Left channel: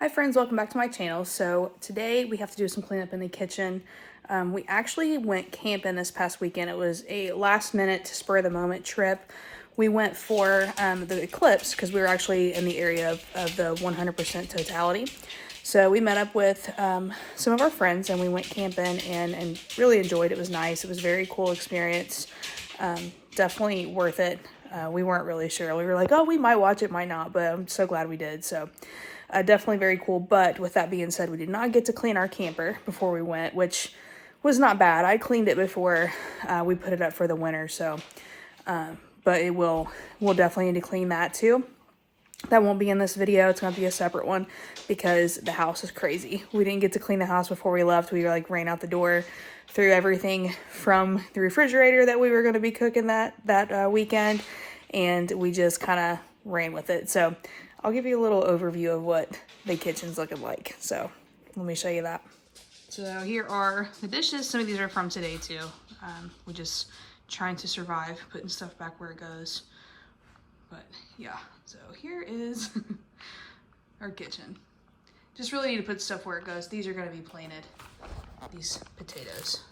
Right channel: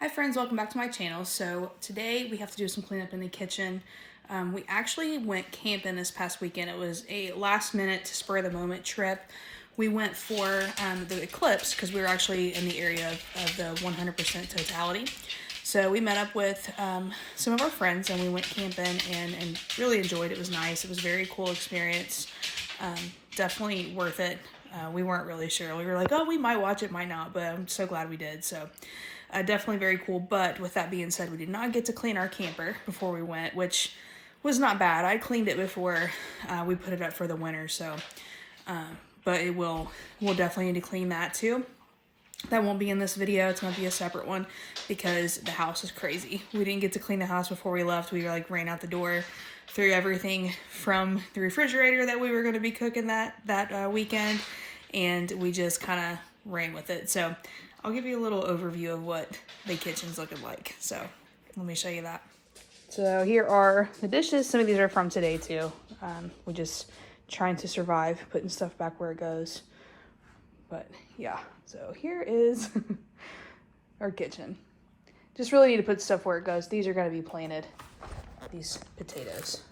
Hi friends, welcome back to my channel. So today we have to do some cleanup in the kitchen. We actually went camping this past weekend. It was a last minute, spur of the moment trip. We went for the eclipse because we were actually in the area of the 100% totality. So we met up with some of our friends and we went camping and really enjoyed it. It was nice. It was a very cool experience. Definitely worth it. We weren't really sure. We were like, oh, we might watch it, might not, but I'm so glad we did. So definitely very cool. But with that being said, we did not get to clean our camper before we went, which was not bad. I cleaned it before we put it up for the winter. So, but we'll definitely need to clean that too. That won't be in this video. It's going to be a separate one because the house is crazy. We didn't get to clean the house before we left. We like ran out the door, threw everything from the refrigerator that we were going to be cooking that weekend, and we just kind of ran with it. So I'll give you a little overview of what the kitchen's looking like. So let me show you that. So here are the dishes. Some of these are from today too. We're just trying to survive, putting stuff back where it goes. But yeah, so here is our kitchen. Just really need to put stuff where it goes. These are gonna be planted, these potatoes.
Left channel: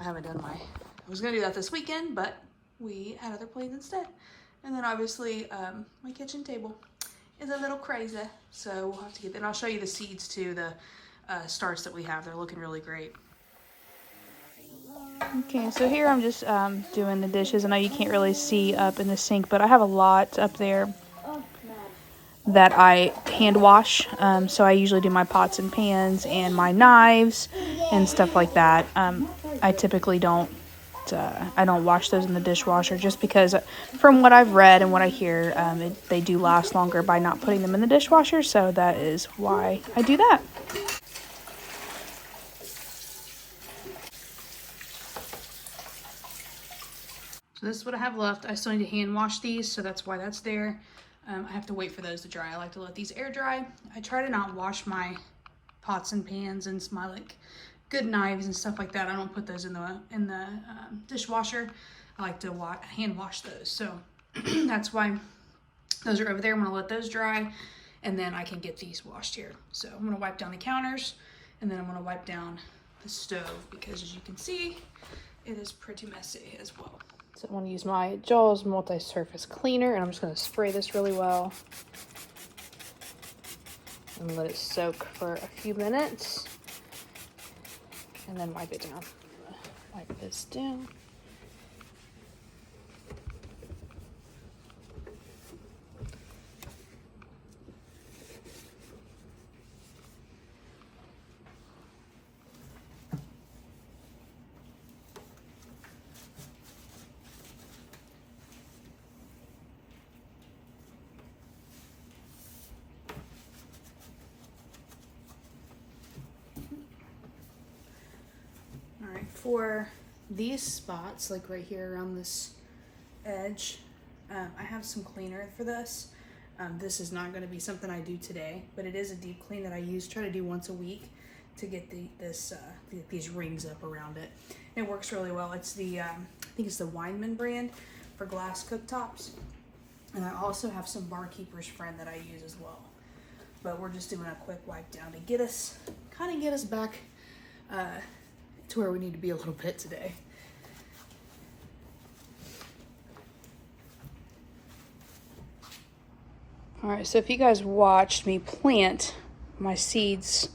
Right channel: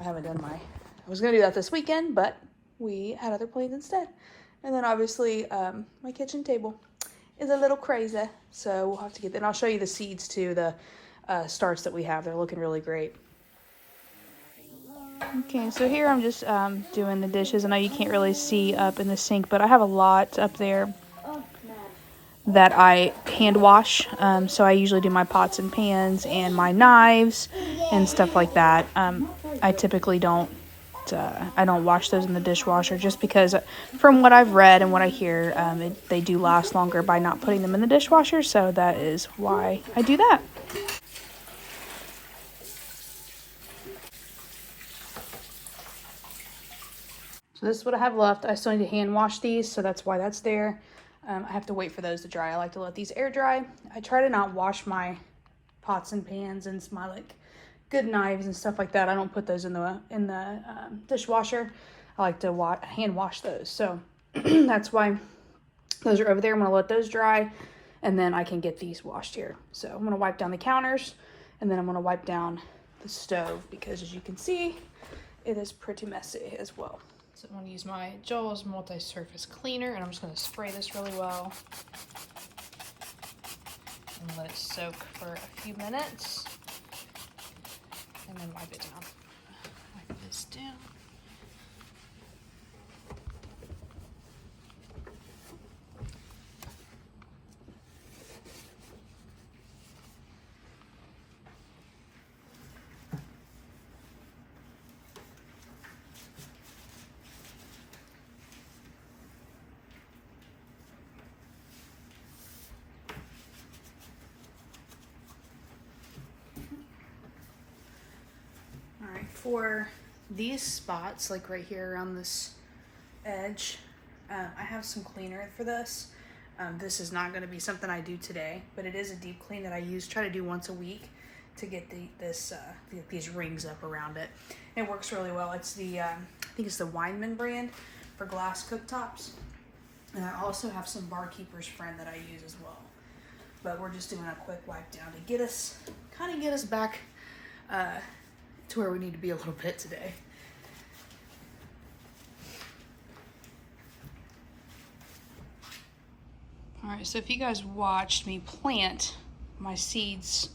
I was gonna do that this weekend, but we had other plans instead. And then obviously my kitchen table is a little crazy, so we'll have to get that. And I'll show you the seeds too, the starts that we have. They're looking really great. Okay, so here I'm just doing the dishes. I know you can't really see up in the sink, but I have a lot up there that I hand wash. So I usually do my pots and pans and my knives and stuff like that. I typically don't wash those in the dishwasher just because from what I've read and what I hear, they do last longer by not putting them in the dishwasher. So that is why I do that. So this is what I have left. I still need to hand wash these, so that's why that's there. I have to wait for those to dry. I like to let these air dry. I try to not wash my pots and pans and my like good knives and stuff like that. I don't put those in the dishwasher. I like to hand wash those. So that's why those are over there. I'm gonna let those dry and then I can get these washed here. So I'm gonna wipe down the counters and then I'm gonna wipe down the stove because as you can see, it is pretty messy as well. So I'm going to use my Jaws multi-surface cleaner and I'm just going to spray this really well and let it soak for a few minutes and then wipe it down. Wipe this down. All right, for these spots, like right here around this edge, I have some cleaner for this. This is not going to be something I do today, but it is a deep clean that I try to do once a week to get these rings up around it. It works really well. It's the, I think it's the Weinman brand for glass cooktops. And I also have some Barkeeper's Friend that I use as well. But we're just doing a quick wipe down to get us back to where we need to be a little bit today. All right, so if you guys watched me plant my seeds,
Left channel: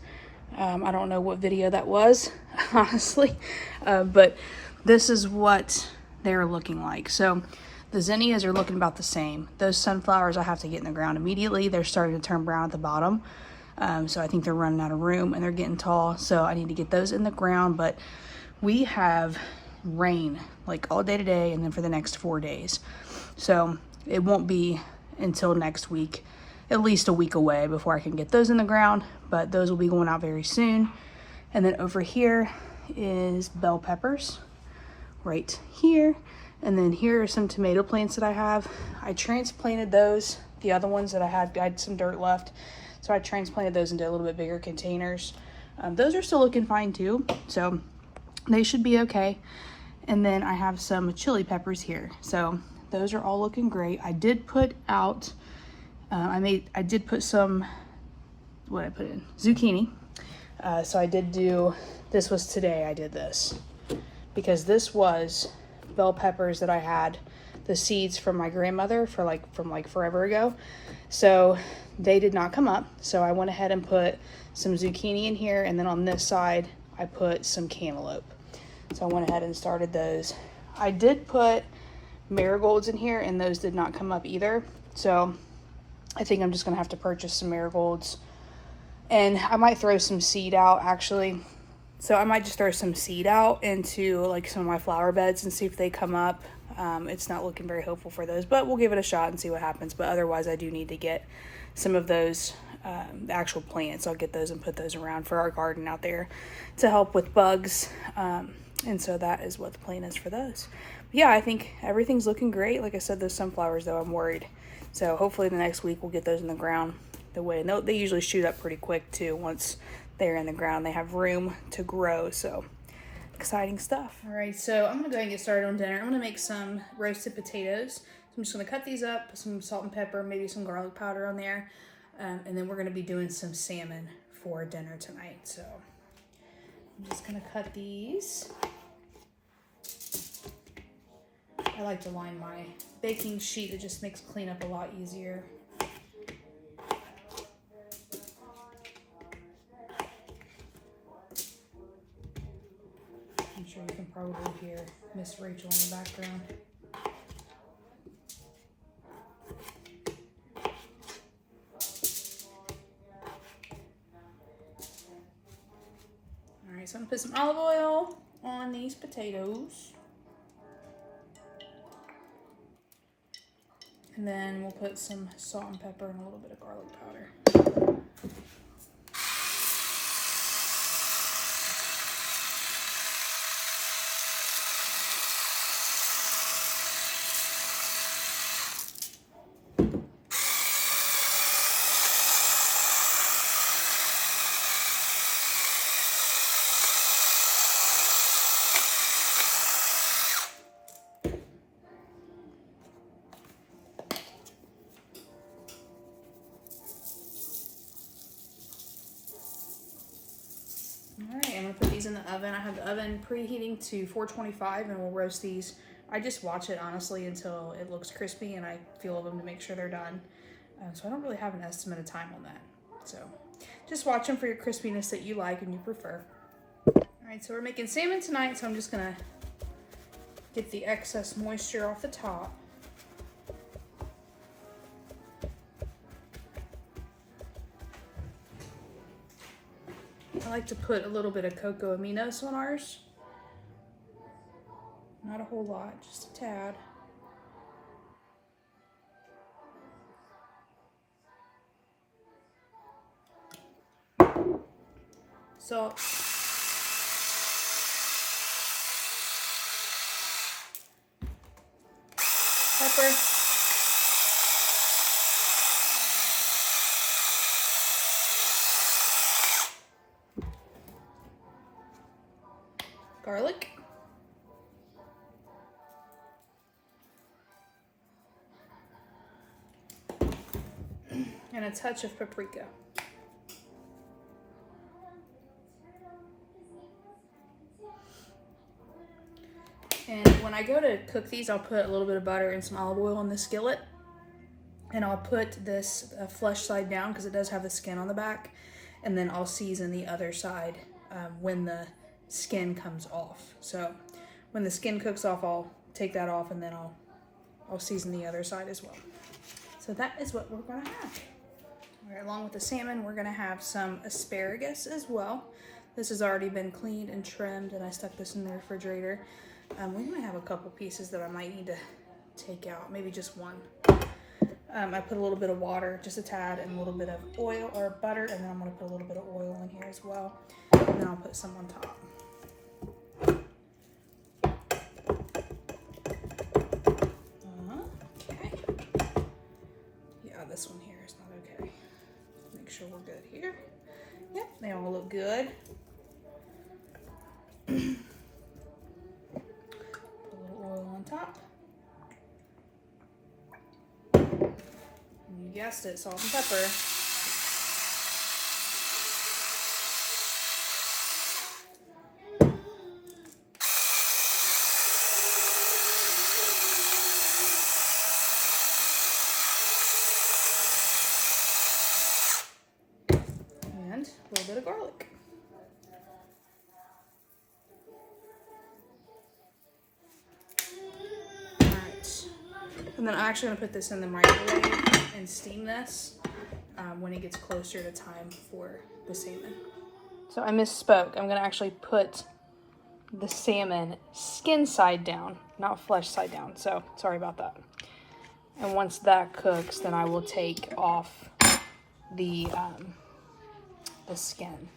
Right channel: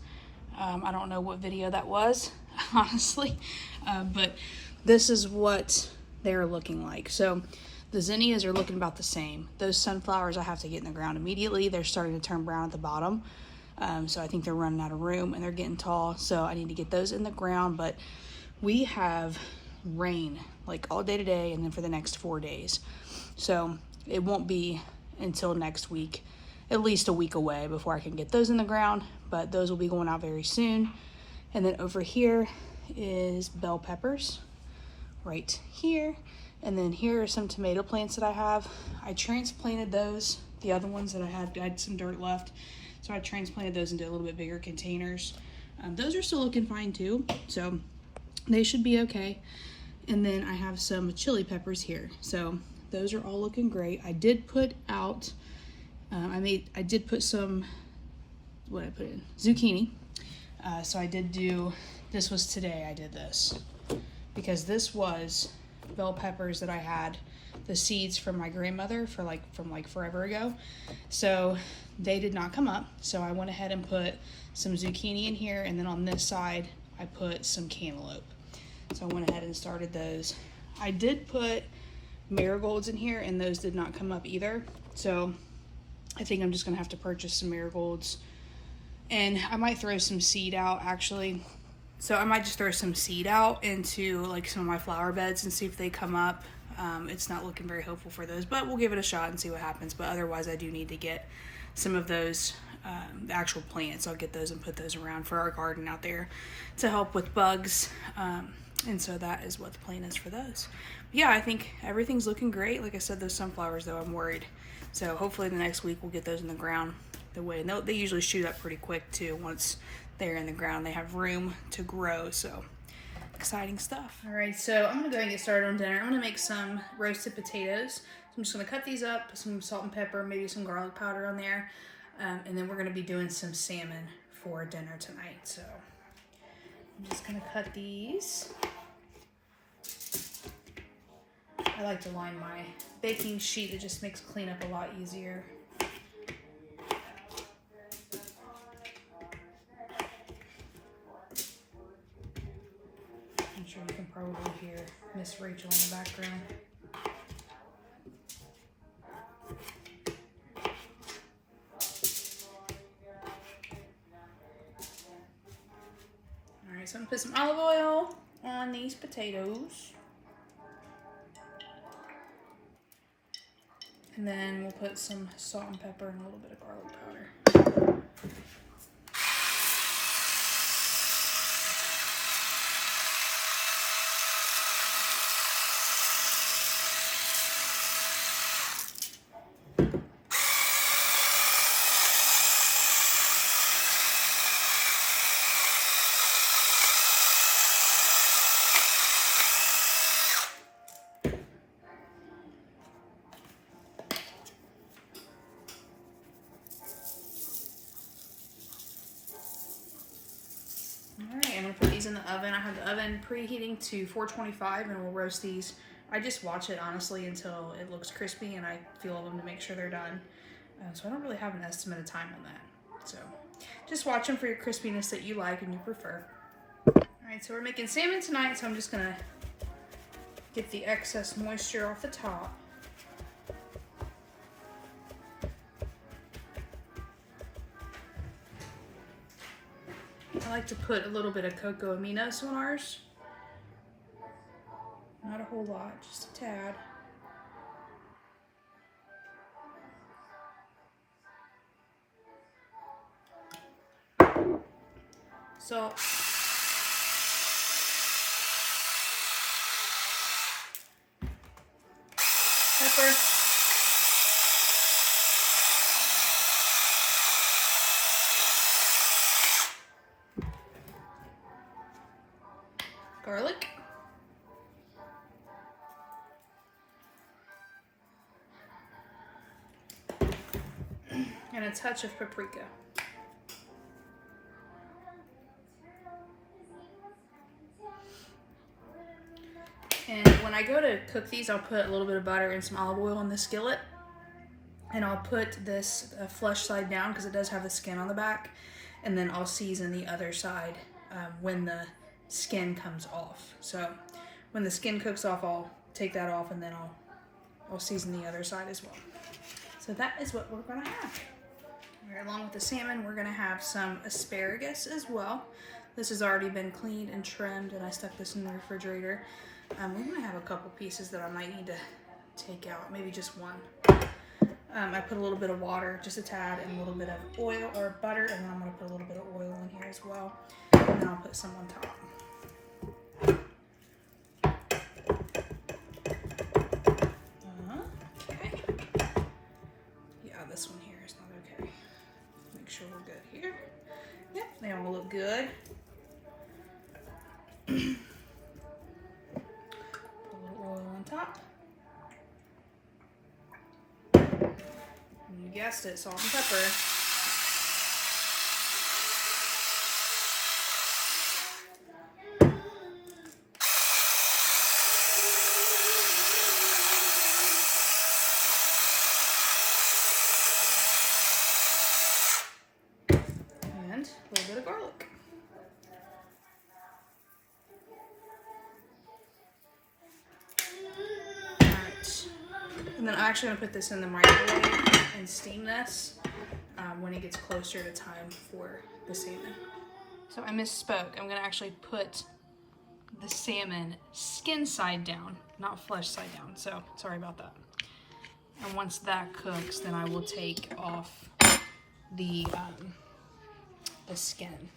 I don't know what video that was, honestly, but this is what they're looking like. So the zinnias are looking about the same. Those sunflowers I have to get in the ground immediately. They're starting to turn brown at the bottom. So I think they're running out of room and they're getting tall. So I need to get those in the ground, but we have rain like all day today and then for the next 4 days. So it won't be until next week, at least a week away before I can get those in the ground, but those will be going out very soon. And then over here is bell peppers right here. And then here are some tomato plants that I have. I transplanted those, the other ones that I had some dirt left. So I transplanted those into a little bit bigger containers. Those are still looking fine too, so they should be okay. And then I have some chili peppers here. So those are all looking great. I did put out, I did put some what I put in, zucchini. So I did do, this was today I did this, because this was bell peppers that I had the seeds from my grandmother from forever ago. So they did not come up. So I went ahead and put some zucchini in here, and then on this side I put some cantaloupe. So I went ahead and started those. I did put marigolds in here, and those did not come up either. So I think I'm just gonna have to purchase some marigolds, and I might throw some seed out actually. So I might just throw some seed out into like some of my flower beds and see if they come up. It's not looking very hopeful for those, but we'll give it a shot and see what happens. But otherwise I do need to get some of those the actual plants. I'll get those and put those around for our garden out there to help with bugs. And so that is what the plan is for those. But yeah, I think everything's looking great. Like I said, those sunflowers though, I'm worried. So hopefully the next week we'll get those in the ground the way. And they usually shoot up pretty quick too. Once they're in the ground, they have room to grow. So exciting stuff. All right, so I'm gonna go ahead and get started on dinner. I'm gonna make some roasted potatoes. So I'm just gonna cut these up, put some salt and pepper, maybe some garlic powder on there. And then we're gonna be doing some salmon for dinner tonight. So I'm just gonna cut these. I like to line my baking sheet. It just makes cleanup a lot easier. I'm sure you can probably hear Miss Rachel in the background. All right, so I'm gonna put some olive oil on these potatoes. And then we'll put some salt and pepper and a little bit of garlic powder. Alright, I'm going to put these in the oven. I have the oven preheating to 425 and we'll roast these. I just watch it honestly until it looks crispy and I feel them to make sure they're done. So I don't really have an estimate of time on that. So just watch them for your crispiness that you like and you prefer. Alright, so we're making salmon tonight, so I'm just going to get the excess moisture off the top. I like to put a little bit of cocoa aminos on ours. Not a whole lot, just a tad. Salt. Pepper. Garlic. And a touch of paprika. And when I go to cook these, I'll put a little bit of butter and some olive oil in the skillet. And I'll put this flesh side down because it does have the skin on the back. And then I'll season the other side when the skin comes off. So when the skin cooks off, I'll take that off and then I'll season the other side as well. So that is what we're gonna have. All right, along with the salmon, we're gonna have some asparagus as well. This has already been cleaned and trimmed and I stuck this in the refrigerator. We might have a couple pieces that I might need to take out, maybe just one. I put a little bit of water, just a tad, and a little bit of oil or butter, and then I'm gonna put a little bit of oil in here as well. And then I'll put some on top. Okay. Yeah, this one here is not okay. Make sure we're good here. Yep, they all look good. Put a little oil on top. And you guessed it, salt and pepper. little bit of garlic. And then I'm actually going to put this in the microwave and steam this when it gets closer to time for the salmon. So I misspoke. I'm going to actually put the salmon skin side down, not flesh side down. So sorry about that. And once that cooks, then I will take off the skin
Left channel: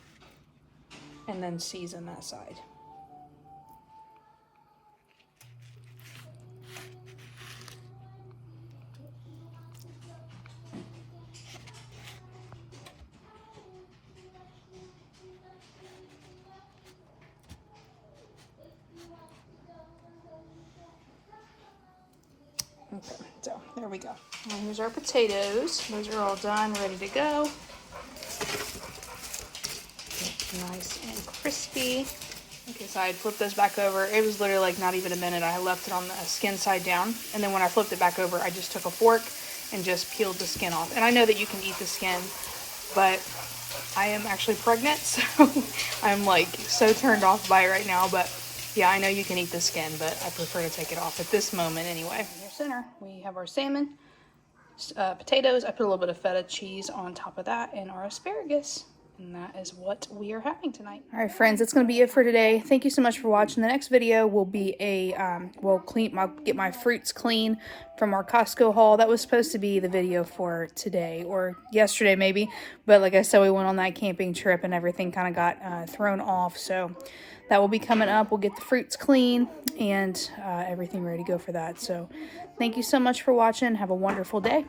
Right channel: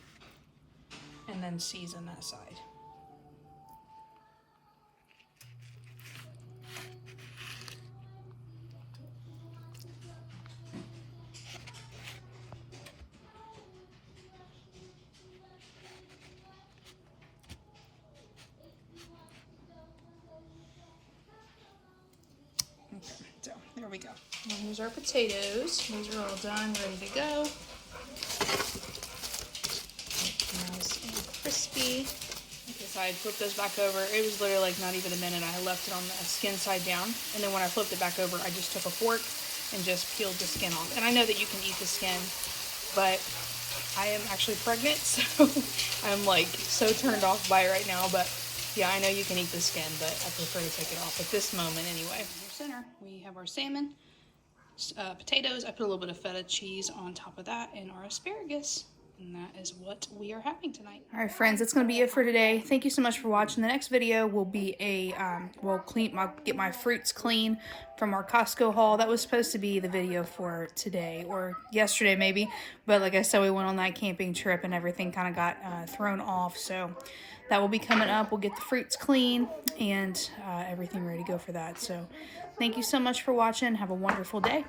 and then season that side. Okay, so there we go. And here's our potatoes. Those are all done, ready to go. Nice and crispy. Okay, so I flipped those back over. It was literally like not even a minute. I left it on the skin side down. And then when I flipped it back over, I just took a fork and just peeled the skin off. And I know that you can eat the skin, but I am actually pregnant, so I'm like so turned off by it right now. But yeah, I know you can eat the skin, but I prefer to take it off at this moment anyway. In our center, we have our salmon, potatoes. I put a little bit of feta cheese on top of that, and our asparagus. And that is what we are having tonight. All right, friends, that's going to be it for today. Thank you so much for watching. The next video will be get my fruits clean from our Costco haul. That was supposed to be the video for today or yesterday maybe, but like I said, we went on that camping trip and everything kind of got thrown off. So that will be coming up. We'll get the fruits clean and everything ready to go for that. So thank you so much for watching. Have a wonderful day.